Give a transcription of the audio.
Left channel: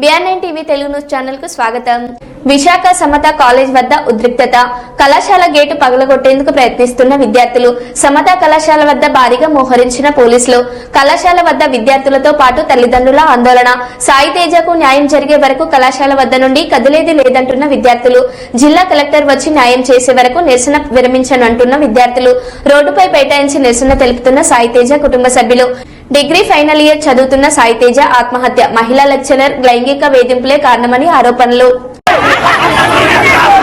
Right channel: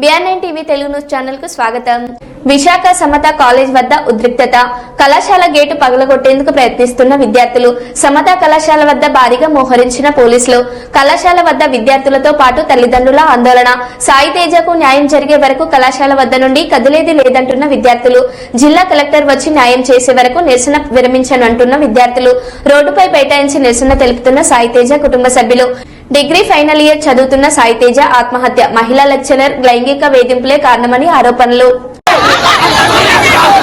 BR TV Telugu news ఛానల్కు స్వాగతం. Visakha Samata college వద్ద ఉద్రిక్తత. కళాశాల గేటు పగలగొట్టేందుకు ప్రయత్నిస్తున్న విద్యార్థులు సమత కళాశాల వద్ద భారీగా మోహరించిన పోలీసులు. కళాశాల వద్ద విద్యార్థులతో పాటు తల్లిదండ్రుల ఆందోళన సాయి తేజకు న్యాయం జరిగే వరకు కళాశాల వద్ద నుండి కదిలేది లేదంటున్న విద్యార్థులు. జిల్లా కలెక్టర్ వచ్చి న్యాయం చేసే వరకు నిరసన విరమించనంటున్న విద్యార్థులు. రోడ్డుపై బైఠాయించి నిరసన తెలుపుతున్న సాయి తేజ కుటుంబ సభ్యులు. డిగ్రీ ఫైనల్ ఇయర్ చదువుతున్న సాయితేజ ఆత్మహత్య. మహిళా లెక్చరర్ లైంగిక వేధింపులే కారణమని ఆరోపణలు. ¡Viva la